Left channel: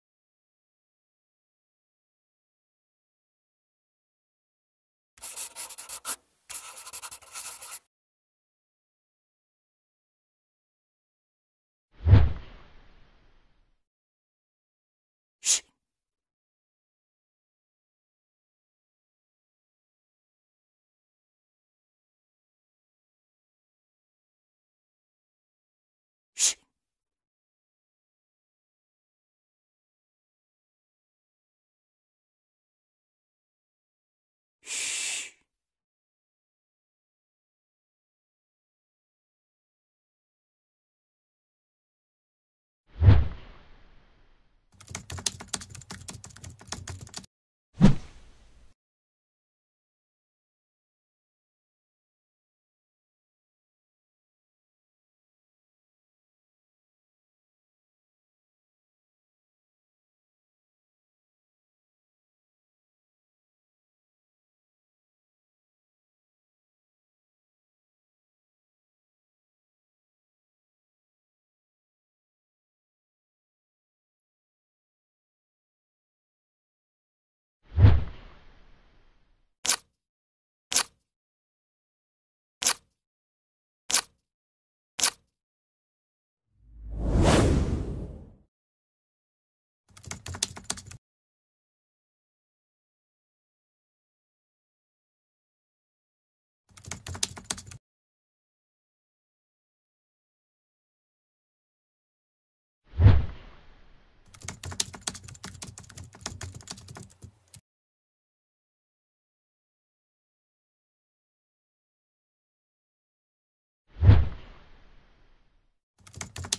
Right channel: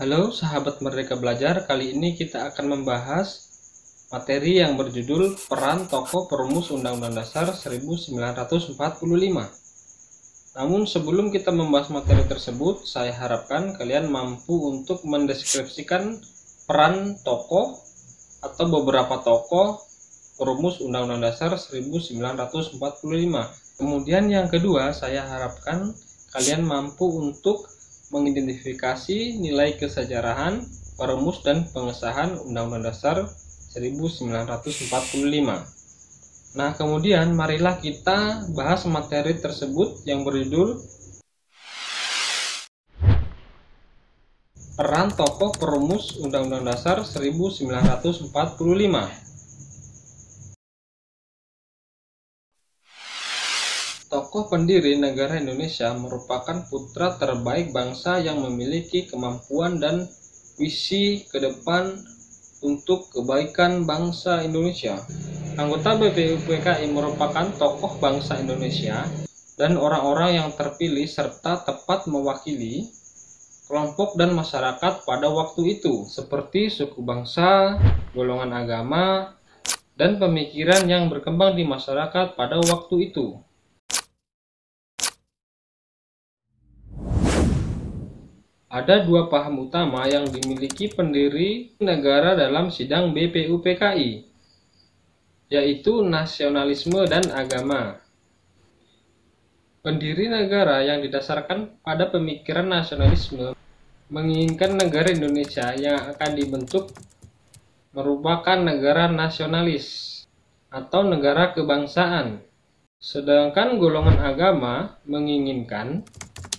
Halo sahabat Merdeka Belajar, kali ini kita akan membahas materi yang berjudul Peran Tokoh Perumus Undang-Undang Dasar 1945. Namun sebelum kita membahas materi tersebut, saya harapkan kalian mampu untuk mendeskripsikan peran tokoh atau beberapa tokoh perumus Undang-Undang Dasar 1945. Kemudian yang kedua, saya harapkan kalian mampu untuk mengidentifikasi nilai kesejarahan perumus dan pengesahan Undang-Undang Dasar 1945. Nah, kemudian marilah kita bahas materi tersebut yang berjudul Peran Tokoh Perumus Undang-Undang Dasar 1945. Tokoh pendiri negara Indonesia merupakan putra terbaik bangsa yang memiliki kemampuan dan visi ke depan untuk kebaikan bangsa Indonesia. Anggota BPUPKI merupakan tokoh bangsa Indonesia dan orang-orang yang terpilih serta tepat mewakili kelompok dan masyarakat pada waktu itu, seperti suku bangsa, golongan agama, dan pemikiran yang berkembang di masyarakat pada waktu itu. Ada dua paham utama yang dimiliki pendiri negara dalam sidang BPUPKI, yaitu nasionalisme dan agama. Pendiri negara yang didasarkan pada pemikiran nasionalisme menginginkan negara Indonesia yang akan dibentuk merupakan negara nasionalis atau negara kebangsaan. Sedangkan golongan agama menginginkan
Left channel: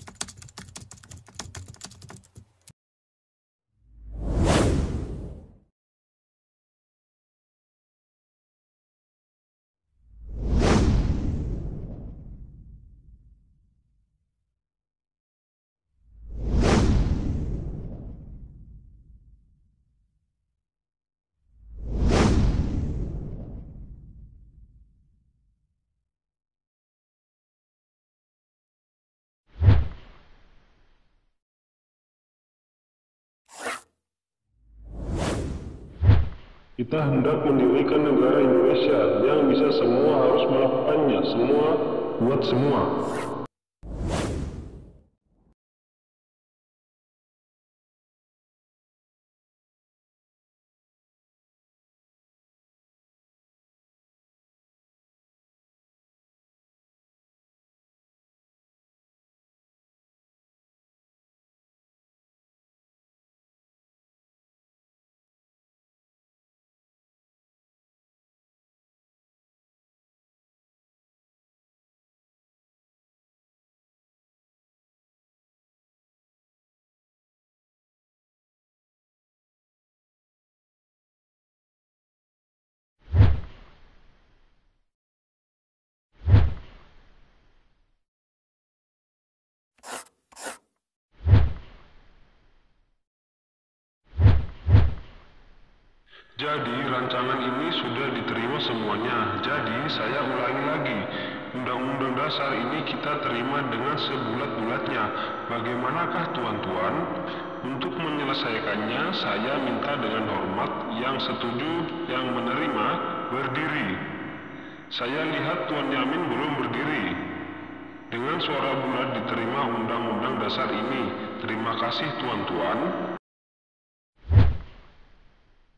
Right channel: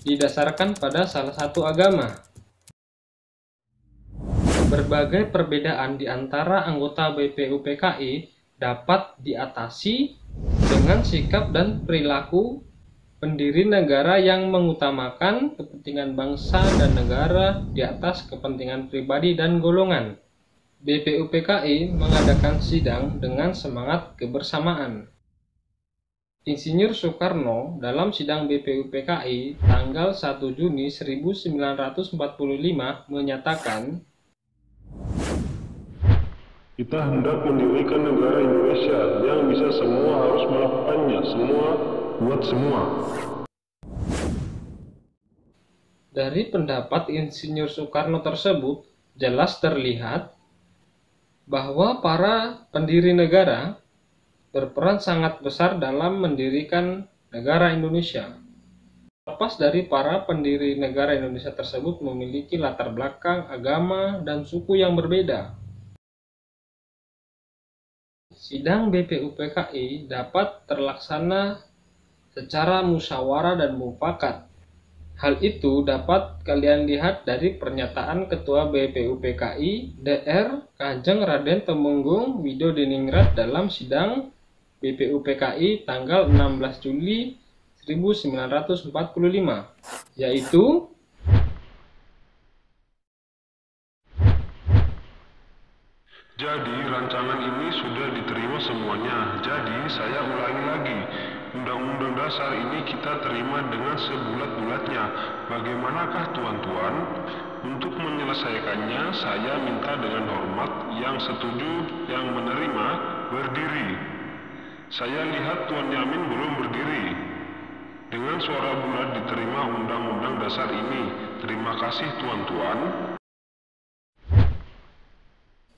didasarkan pada salah satu agama. Berbagai perbedaan di antara anggota BPUPKI dapat diatasi dengan sikap dan perilaku pendiri negara yang mengutamakan kepentingan bangsa dan negara di atas kepentingan pribadi dan golongan. BPUPKI mengadakan sidang dengan semangat kebersamaan. Insinyur Soekarno dalam sidang BPUPKI tanggal 1 Juni 1945 menyatakan, "Kita hendak mendirikan negara Indonesia yang bisa semua harus melakukannya, semua buat semua." Dari pendapat Insinyur Soekarno tersebut jelas terlihat bahwa para pendiri negara berperan sangat besar dalam mendirikan negara Indonesia. Lepas dari para pendiri negara Indonesia tersebut memiliki latar belakang agama dan suku yang berbeda. Sidang BPUPKI dapat terlaksana secara musyawarah dan mufakat. Hal itu dapat kalian lihat dari pernyataan Ketua BPUPKI DR Kanjeng Raden Temenggung Widodiningrat dalam sidang BPUPKI tanggal 16 Juli 1945, yaitu Jadi rancangan ini sudah diterima semuanya. Jadi saya ulangi lagi, Undang-Undang Dasar ini kita terima dengan sebulat-bulatnya. Bagaimanakah tuan-tuan? Untuk menyelesaikannya, saya minta dengan hormat yang setuju, yang menerima, berdiri. Saya lihat Tuan Yamin belum berdiri. Dengan suara bulat diterima Undang-Undang Dasar ini. Terima kasih tuan-tuan.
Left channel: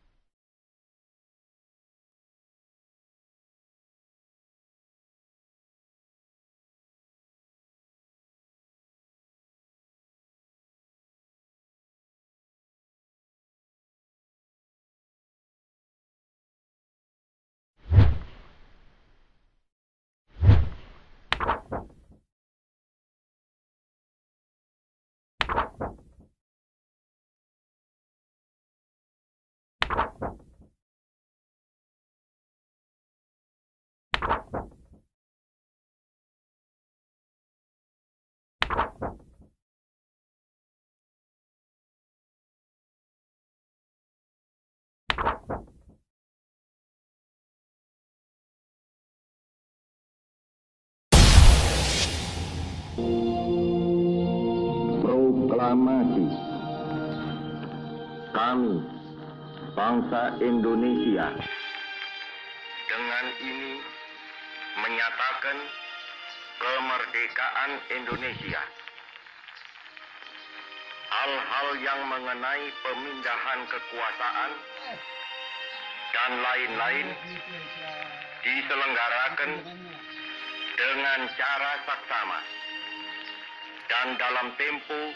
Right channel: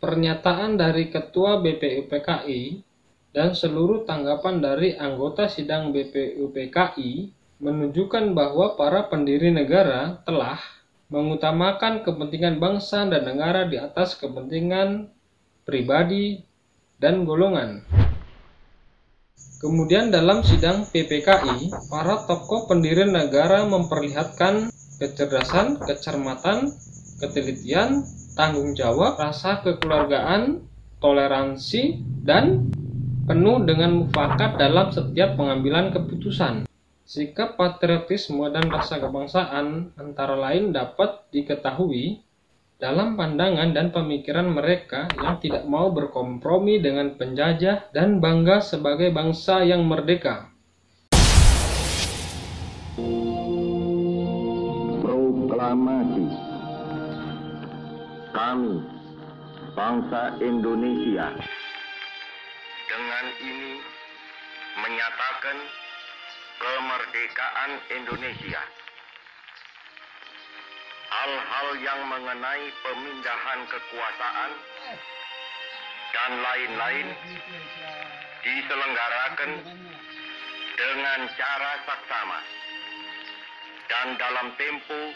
pernyataan dari Ketua BPUPKI dan seluruh tanggapan dari anggota sidang BPUPKI menunjukkan bahwa para pendiri negara telah mengutamakan kepentingan bangsa dan negara di atas kepentingan pribadi dan golongan. Kemudian dalam sidang PPKI, para tokoh pendiri negara memperlihatkan kecerdasan, kecermatan, ketelitian, tanggung jawab, rasa kekeluargaan, toleransi, dan penuh dengan mufakat dalam setiap pengambilan keputusan. Sikap patriotisme dan rasa kebangsaan antara lain dapat diketahui dalam pandangan dan pemikiran mereka yang tidak mau berkompromi dengan penjajah dan bangga sebagai bangsa yang merdeka. Proklamasi kami, bangsa Indonesia, dengan ini menyatakan kemerdekaan Indonesia. Hal-hal yang mengenai pemindahan kekuasaan dan lain-lain diselenggarakan dengan cara saksama dan dalam tempo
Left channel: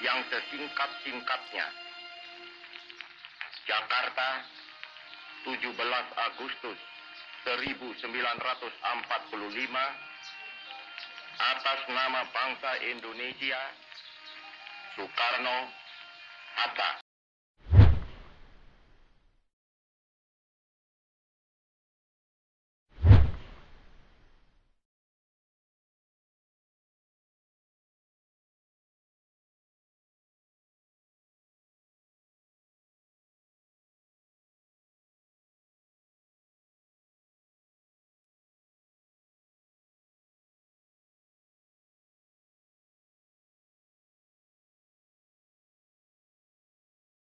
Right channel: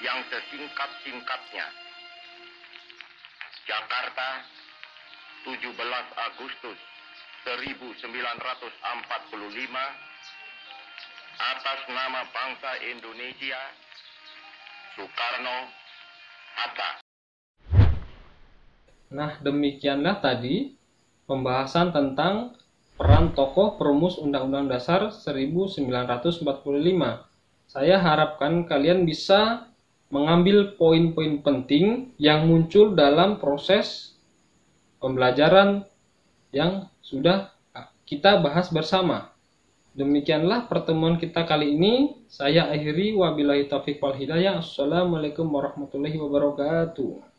yang sesingkat-singkatnya. Jakarta, 17 Agustus 1945, atas nama bangsa Indonesia, Soekarno-Hatta. Nah, demikianlah tadi pembahasan tentang peran tokoh perumus Undang-Undang Dasar 1945. Saya harapkan kalian bisa mengambil poin-poin penting yang muncul dalam proses pembelajaran yang sudah kita bahas bersama. Demikianlah pertemuan kita kali ini. Saya akhiri, wabillahi taufiq wal hidayah. Assalamualaikum warahmatullahi wabarakatuh.